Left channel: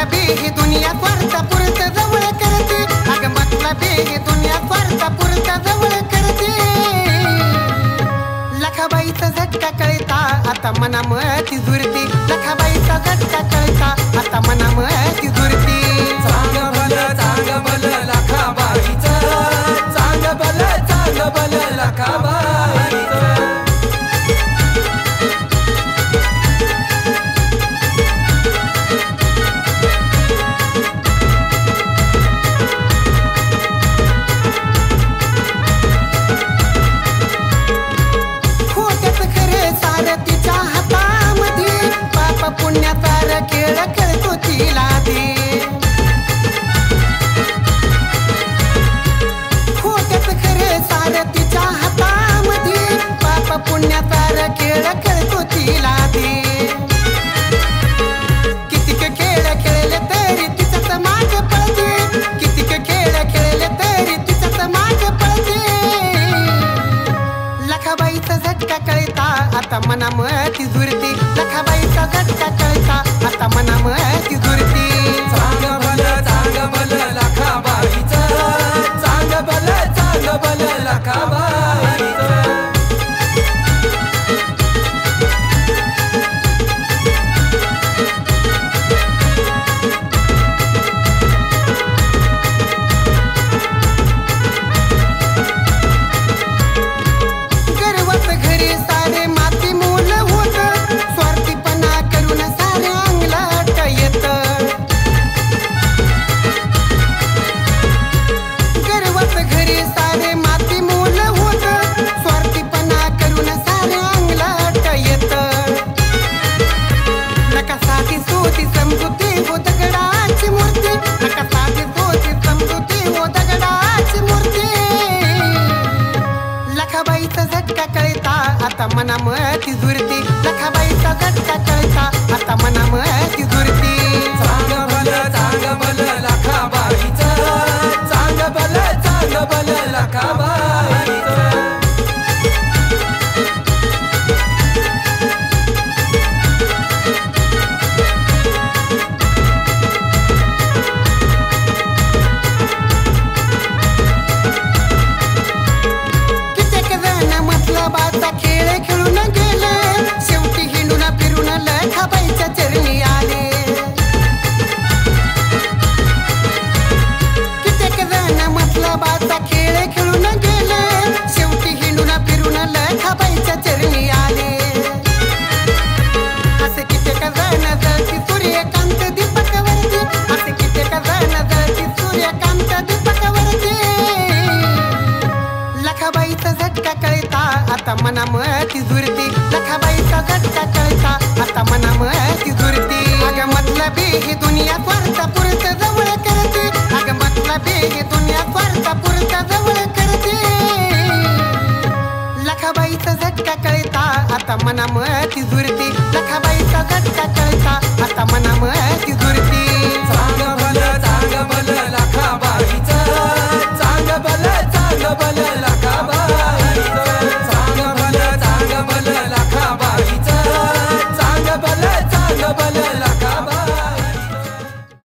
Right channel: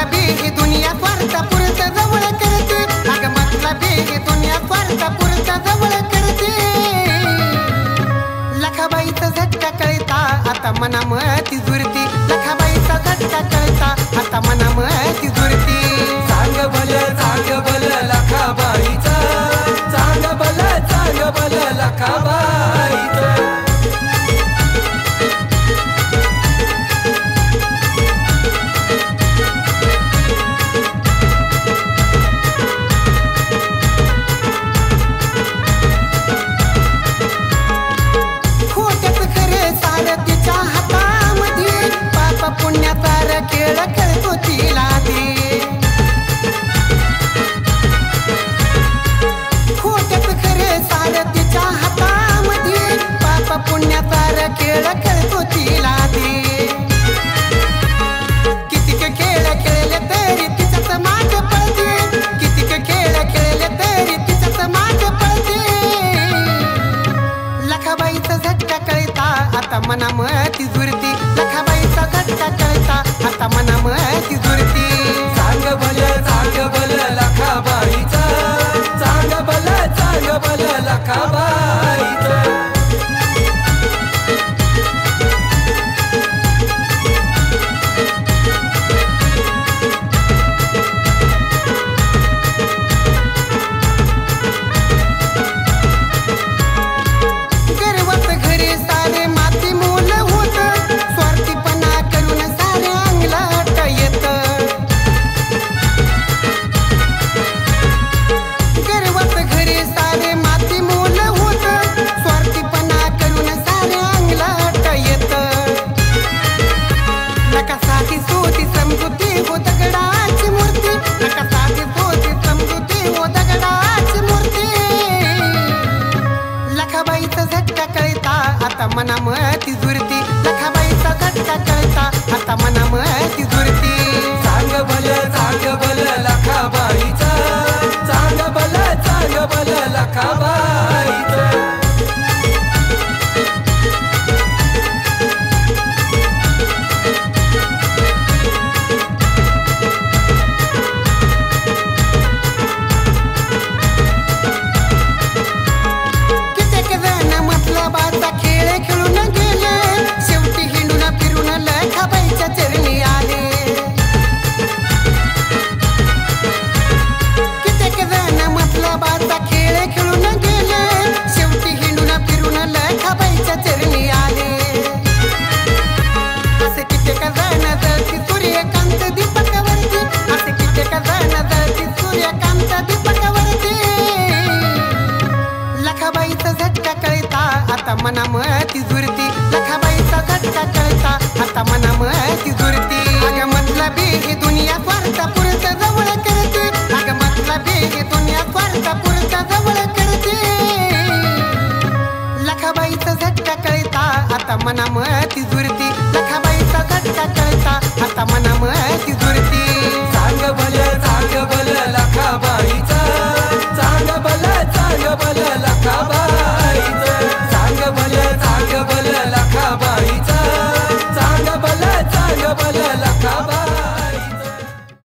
मतलबी ही दुनिया स्वार्थ पुरत जवळ करते, अग मतलबी ही दुनिया स्वार्थ पुरत जवळ करते. लखाबाईचा झटका कळता आता मनामती झुरती, लखाबाईचा झटका कळता आता मनामती झुरती. चांग भल लखाबाईचं, चांग भल लखाबाईचं. तिच्या हातामध्ये पाप पुण्याचा खेळ खेळतो तिला दे. खोट्यात खरे सार तिच्या हातामध्ये पाप पुण्याचा खेळ खेळतो तिला दे. कितीक खेळ खेळले तरी तिच्याच माग पळते, कितीक खेळ खेळले तरी तिच्याच माग पळते. लखाबाईचा झटका कळता आता मनामती झुरती, लखाबाईचा झटका कळता आता मनामती झुरती. चांग भल लखाबाईचं, चांग भल लखाबाईचं. लखाबाईचा झटका कळता आता मनामती झुरती, लखाबाईचा झटका कळता आता मनामती झुरती. चांग भल लखाबाईचं, चांग भल लखाबाईचं. खेळ खेळून गेले, शेवटी हिंडून फिरून लखाबाईच्या चरणी आले. कित्येक जण मतलबाचा खेळ खेळून गेले, शेवटी हिंडून फिरून लखाबाईच्या चरणी आले. असे कित्येक जण जळती सूर्यकांत दीपकावरती, असे कित्येक जण जळती सूर्यकांत दीपकावरती. लखाबाईचा झटका कळता आता मनामती झुरती, लखाबाईचा झटका कळता आता मनामती झुरती. अग मतलबी ही दुनिया स्वार्थ पुरत जवळ करते, अग मतलबी ही दुनिया स्वार्थ पुरत जवळ करते. लखाबाईचा झटका कळता आता मनामती झुरती.